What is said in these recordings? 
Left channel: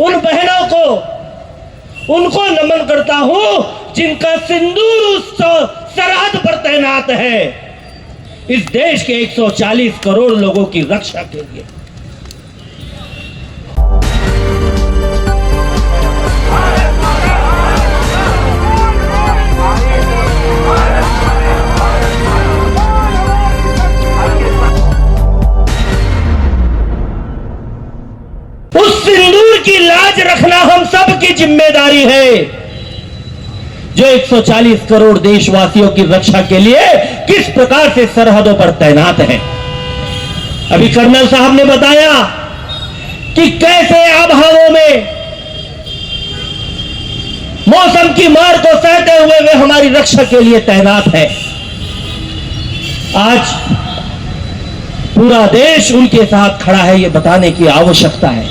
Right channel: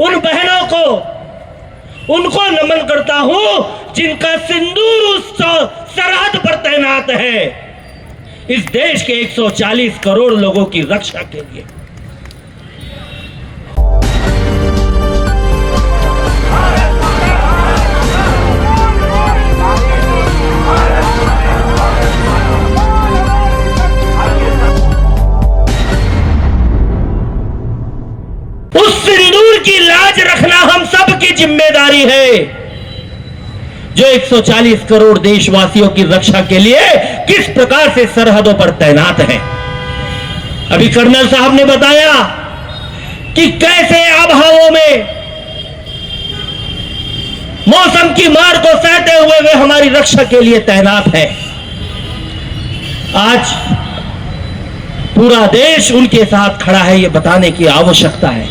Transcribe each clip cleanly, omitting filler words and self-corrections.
उन बहनों को, उनको नमन करता हूं जिनका सिंदूर उस सरहद पर तैनात है, इस देश के 140 करोड़ लोगों की रक्षा के लिए। उस सिंदूर की लाज रखना हम सब की जिम्मेदारी है, जो 140 करोड़ देशवासियों की रक्षा के लिए किस प्रकार से सरहदों पर तैनात हैं। अभी कर्नल साहब ने बताया कि कैसे आबहवाओं में मौसम की मार को सहते हुए वे हमारी रक्षा के लिए तैनात है। आज पूरा देश उनके साथ खड़ा है, यह बताने की आवश्यकता है।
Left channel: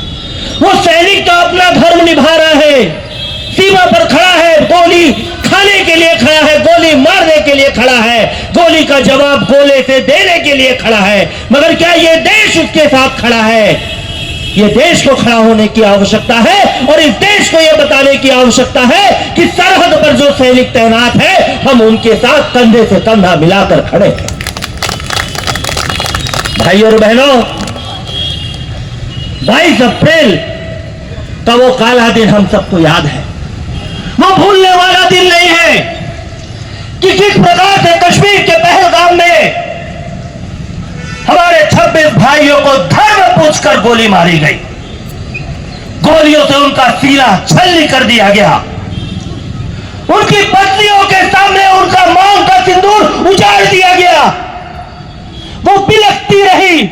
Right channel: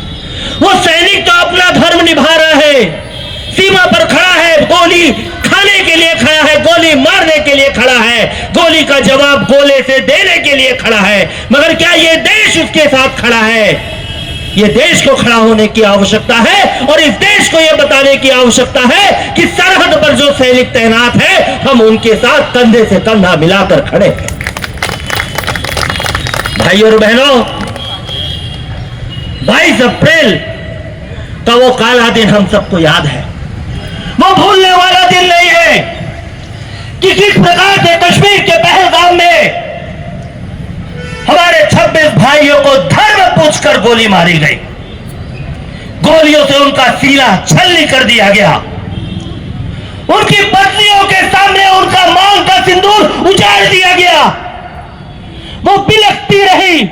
वो सैनिक तो अपना धर्म निभा रहा है, सीमा पर खड़ा है, गोली खाने के लिए खड़ा है, गोली मारने के लिए खड़ा है, गोली का जवाब गोले से देने के लिए खड़ा है, मगर क्या ये देश उसके साथ खड़ा है? ये देश को खड़ा होने की आवश्यकता है और इस देश को यह बताने की आवश्यकता है कि सरहद पर जो सैनिक तैनात है, हम उनके साथ कंधे से कंधा मिलाकर खड़े हैं। भाई और बहनों, 22 अप्रैल का वो काला दिन हम सबको याद है, वो भूलने वाला दिन नहीं है कि किस प्रकार से कश्मीर के पहलगाम में हमारे 26 भाइयों को धर्म पूछकर गोली मारी गई, गोलियों से उनका सीना छलनी कर दिया गया, उनकी पत्नियों के सामने उनका मांग का सिंदूर उजाड़ दिया गया। वो बिलखती रही,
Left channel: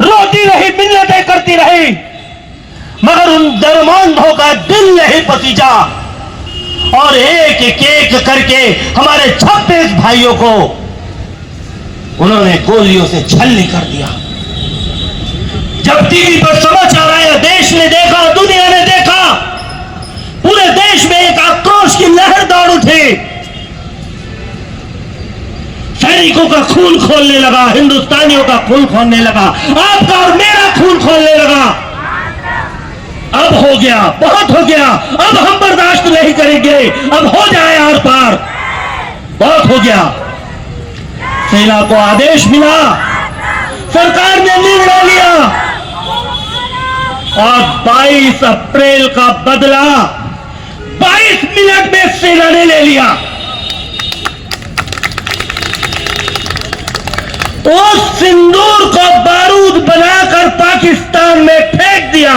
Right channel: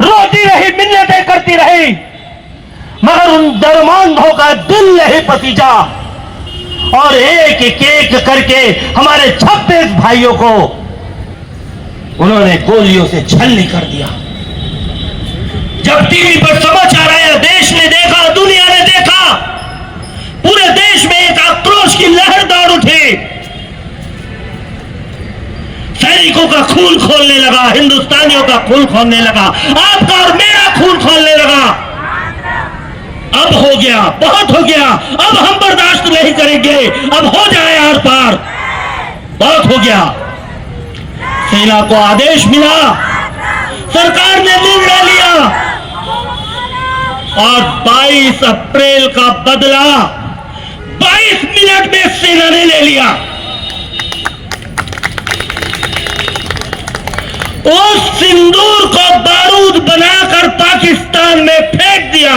रोती रही, मिन्नतें करती रही, मगर उन दरमांधों का दिल नहीं पसीजा और एक एक करके हमारे 26 भाइयों को उन्होंने गोलियों से छलनी कर दिया। जब टीवी पर समाचार आया, देश ने देखा, दुनिया ने देखा, पूरे देश में एक आक्रोश की लहर दौड़ उठी, सैनिकों का खून खोलने लगा, हिंदुस्तानियों का खून खोलने लगा, आपका और मेरा खून खोलने लगा। अब हो गया, बहुत हो गया, अब हम बर्दाश्त नहीं करेंगे, अब हो जाए आर पार, बहुत हो गया। सेना को आदेश मिला, सरकार ने निर्णय लिया और 22 अप्रैल का बदला 22 मिनट में सेना ने ले लिया। उस सिंदूर को बारूद बनाकर पाकिस्तान में फेंक दिया।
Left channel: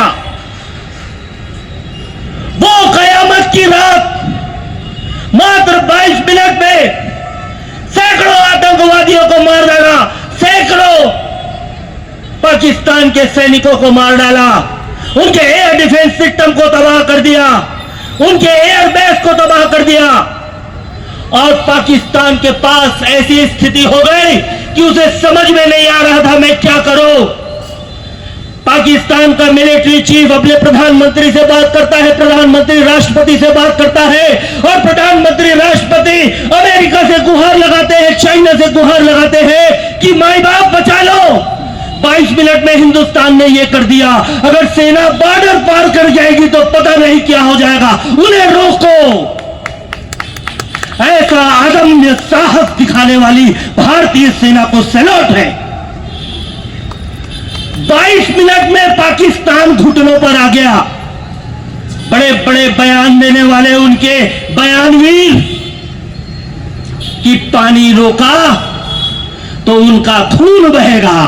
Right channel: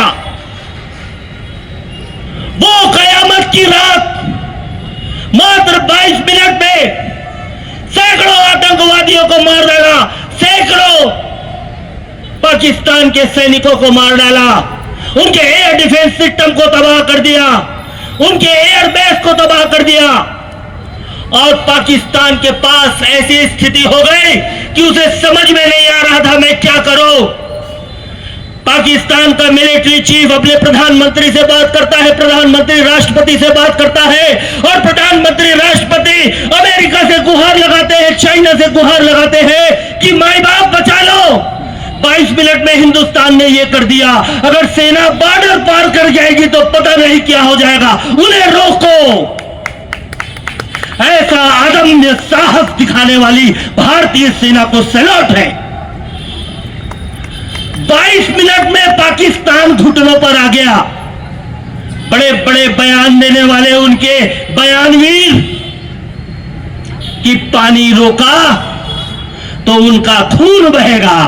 वो कयामत की रात मात्र 22 मिनट में सैकड़ों आतंकवादियों को मार डाला, सैकड़ों पाकिस्तान के सैनिकों को मार डाला, उनके एयर डिफेंस सिस्टम को तबाह कर दिया, उनके एयर बेस को तबाह कर दिया और पाकिस्तान के पास ऐसी स्थिति हो गई कि उसे समझ में नहीं आ रहा था मैं क्या करूं। पाकिस्तान का मिलिट्री चीफ अपने प्रधानमंत्री से बात करता है, प्रधानमंत्री राष्ट्रपति से बात करता है और प्रधानमंत्री राष्ट्रपति अमेरिका से गुहार लगाते हैं, चाइना से गुहार लगाते हैं कि माई बाप बचा लो। 22 मिनट में हिंदुस्तान ने यह कर दिया। अगर सेना बॉर्डर पार कर जाएगी तो पता नहीं क्या हो जाएगा, उन्हें रोको। ऐसा अदम्य साहस दिखाने वाली भारतीय सेना को सैल्यूट है। 22 मिनट में पाकिस्तान घुटनों पर आ गया। बड़े बड़े बयान देने वाले उनके बयानवीर कि पानी रोका तो उनका खून बहेगा,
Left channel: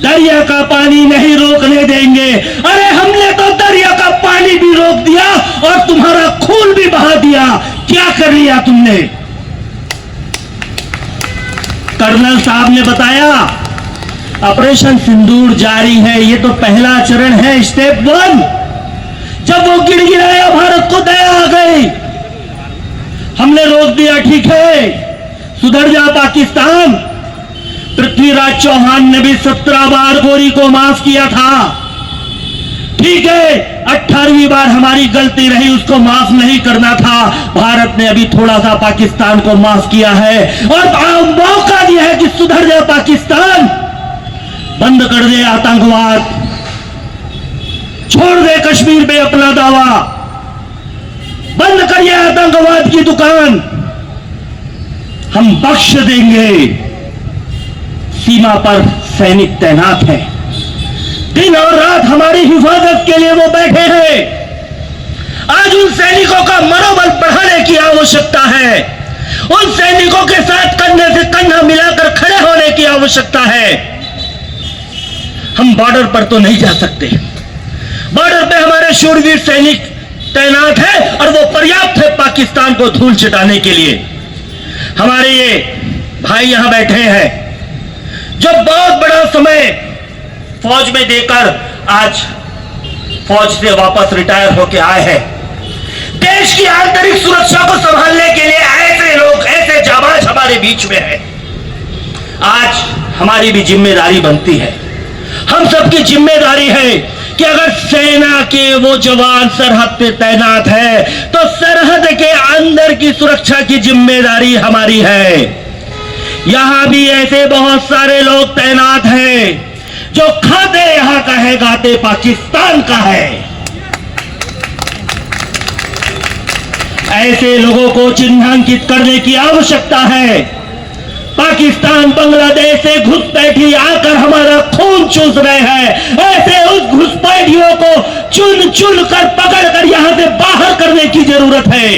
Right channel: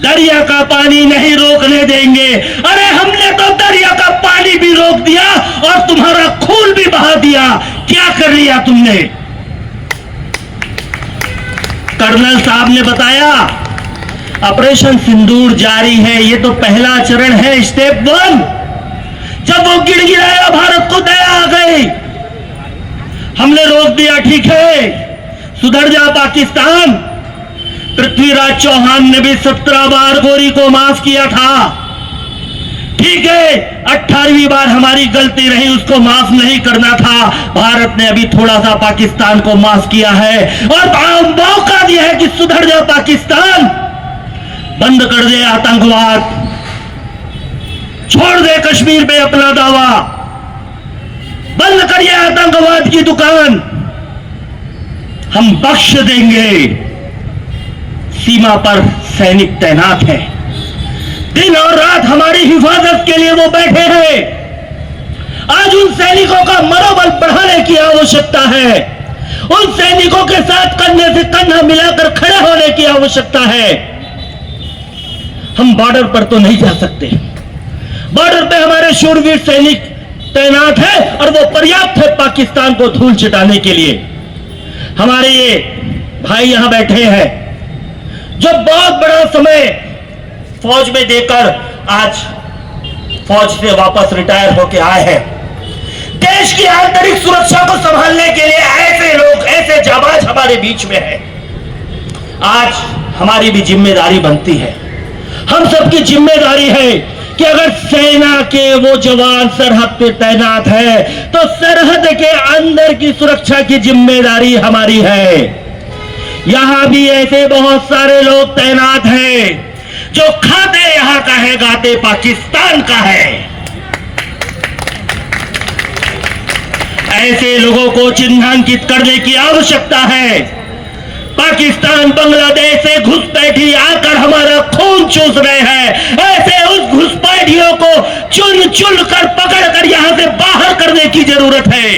दरिया का पानी नहीं रोकने देंगे। अरे हमने तो दरिया का पानी भी रोक दिया और तुम्हारा खून भी बहा दिया। क्या कर लिया तुमने? कर्नल साहब ने बताया ऑपरेशन सिंदूर जारी है, ये तो पहला चरण है, स्टेप 1। जब वो गिड़गिड़ाया भारत को दया आ गई, हमने रोक दिया, ठीक है सुधर जा पाकिस्तान। पृथ्वीराज चौहान ने भी 17 बार गोरी को माफ किया था, ठीक है 18वीं बार हमारी गलती रही, उसको माफ नहीं करना था। भारत ने अभी थोड़ा सा पाकिस्तान को माफ किया है और मौका दिया है कि सुधर जा पाकिस्तान, बंद कर दे आतंकवाद, छोड़ दे कश्मीर में अपना दावा, बंद करिए आतंकवाद की दुकान, हम बख्श देंगे। सीमा पर सैनिक तैनात हैं, दिन और रात हमारी हिफाजत के लिए वो बैठे हैं। आज उन सैनिकों का मनोबल बढ़ाने की आवश्यकता है, उन सैनिकों के साथ कंधे से कंधा मिलाकर खड़े होने की आवश्यकता है। हम बॉर्डर पर तो नहीं जा सकते, बॉर्डर पे हमारे शूरवीर सैनिक तैनात है और वो पर्याप्त है पाकिस्तान को धूल चटाने के लिए। हमारे ये भाई यहां बैठे हैं जो बहुत बड़ा समय फौज में देकर आज फौज से वापस रिटायर होकर आए हैं। देश की आंतरिक सुरक्षा को संभालने के लिए ऐसे लोग, ऐसे जाबाज हमारे बीच में हैं। आज हमारी भी जिम्मेदारी बनती है, हम सबकी जिम्मेदारी है कि अगर सेना के वो जवान सरहद पे तैनात है तो सरहद के अंदर की सुरक्षा की जिम्मेदारी हमारी है। यहां भी ऐसे बहुत सारे लोग तैनात हैं जो खाते यहां का है, गाते पाकिस्तान का है। ऐसे लोगों को चिन्हांकित करने की आवश्यकता है। पाकिस्तान बांग्लादेश से घुसपैठी आकर हमारा खून चूस रहे हैं, ऐसे उस घुसपैठियों को चुन चुन कर पकड़ कर यहां से बाहर करने की जरूरत है।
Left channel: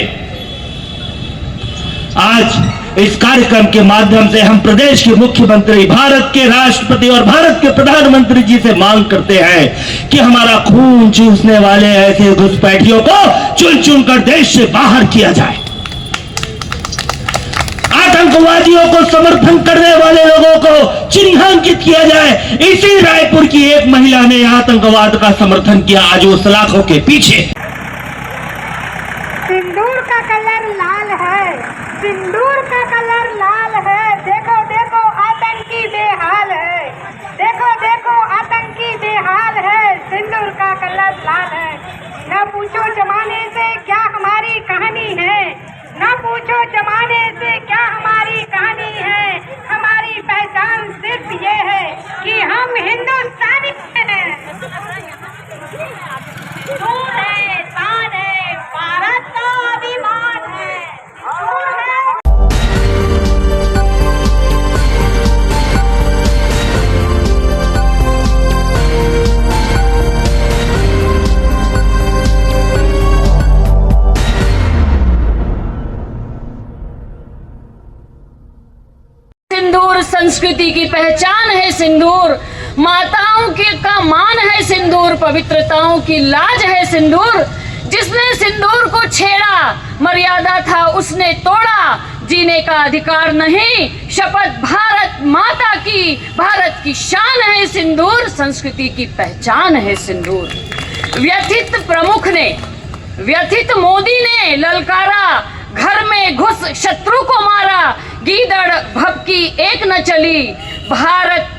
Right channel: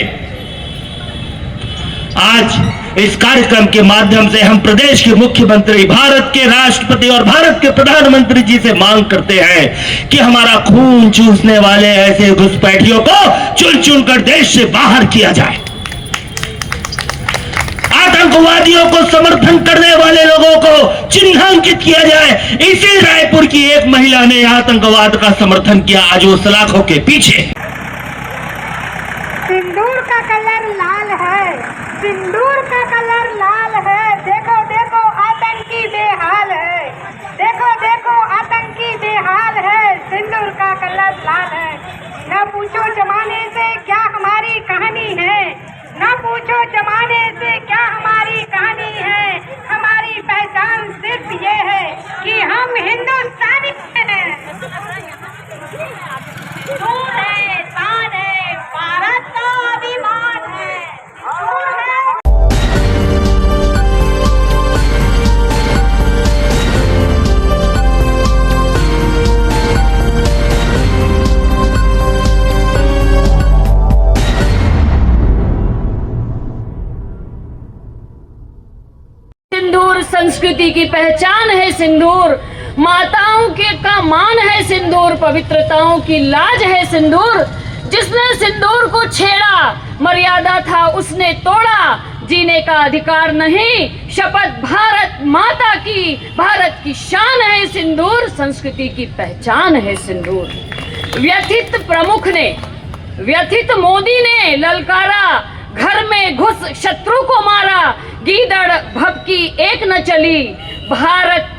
आज इस कार्यक्रम के माध्यम से हम प्रदेश के मुख्यमंत्री, भारत के राष्ट्रपति और भारत के प्रधानमंत्री जी से मांग करते हैं कि हमारा खून चूसने वाले ऐसे घुसपैठियों को चुन चुन कर देश से बाहर किया जाए। आतंकवादियों को समर्थन करने वाले लोगों को चिन्हांकित किया जाए। इसी रायपुर की एक महिला ने आतंकवाद का समर्थन किया, आज वो सलाखों के पीछे। सिंदूर का कलर लाल है, सिंदूर का कलर लाल है, देखो देखो आतंकी बेहाल है, देखो देखो आतंकी बेहाल है, सिंदूर का कलर लाल है। न पूछो जमाने से क्या हमारी कहानी है, न पूछो जमाने से क्या हमारी कहानी है, हमारी पहचान सिर्फ ये है कि हम हिंदुस्तानी हैं। दूर है, शान है, भारत का अभिमान है। सिंदूर संस्कृति की पहचान है, सिंदूर माताओं के का मान है, सिंदूर पवित्रताओं की लाज है, सिंदूर जिसने सिंदूर को छेड़ा मर्यादा था उसने तोड़ा, जीने का अधिकार नहीं, शपथ भारत माता की, भारत की शान है सिंदूर, संस्कृति की पहचान है सिंदूर। व्यथित प्रमुख ने, व्यथित मोदी ने ललकारा, घर में घुस शत्रु को मारा, गीदड़ भभकी एक न चली, भारत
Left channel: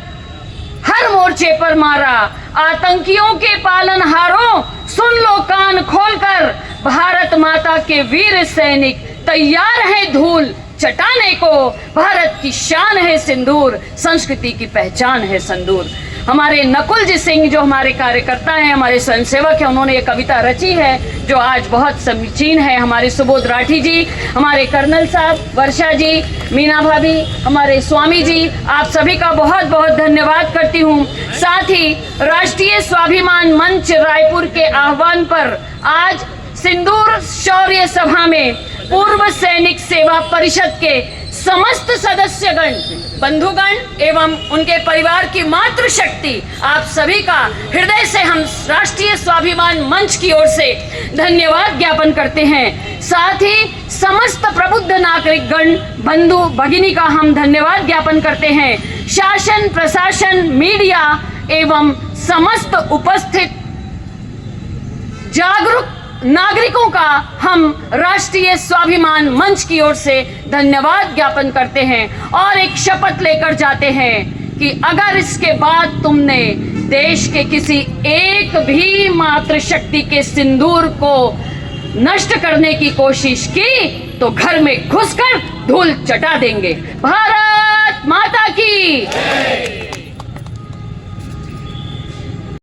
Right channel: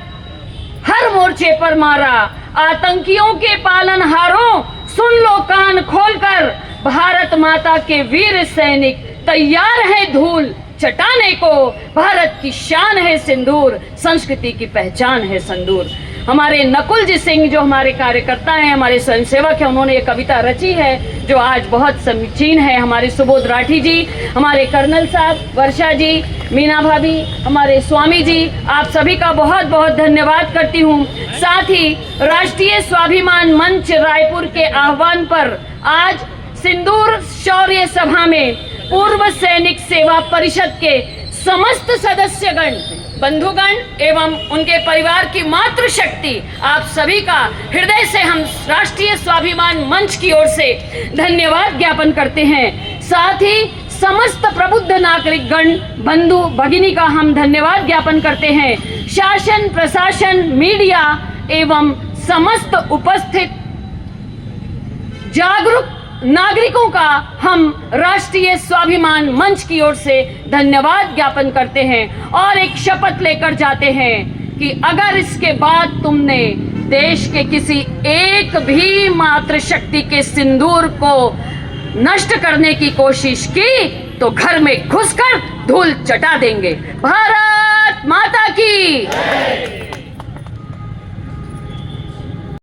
हर मोर्चे पर मारा, आतंकियों के पालनहारों सुन लो कान खोलकर, भारत माता के वीर सैनिक तैयार है धूल चटाने को, भारत की शान है सिंदूर, संस्कृति की पहचान है सिंदूर। हमारे नकुल जी सिंह जो हमारे कार्यकर्ता हैं, हमारे स्वयंसेवक हैं, उन्होंने ये कविता रची है जो आज बहुत समीचीन है। हमारे सुबोध राठी जी, हमारे कर्नल साहब, वर्षा जी, मीना भाभी, हमारे स्वामी जी, आप सभी का बहुत बहुत धन्यवाद करती हूँ। साथ ही राष्ट्रीय स्वाभिमान मंच रायपुर के आह्वान पर आज सिंदूर शौर्य सभा में पूर्व सैनिक सेवा परिषद के समस्त सदस्यगण, बंधुगण एवं उनके परिवार की मातृशक्ति, आप सभी का हृदय से हम राष्ट्रीय स्वाभिमान मंच की ओर से धन्यवाद ज्ञापन करते हैं। साथ ही समस्त प्रबुद्ध नागरिकगण, बंधु भगिनी का हम धन्यवाद ज्ञापन करते हैं। शासन, प्रशासन, मीडिया एवं समस्त उपस्थित जागरूक नागरिकों का हम राष्ट्रीय स्वाभिमान मंच की ओर से धन्यवाद ज्ञापन करते हैं और एक शपथ लेकर जाते हैं कि अगर इसके बाद तुमने देश के किसी एक भी मातृशक्ति के सिंदूर को नष्ट करने की कोशिश की तो घर में घुसकर धूल चटा देंगे। भारत माता की।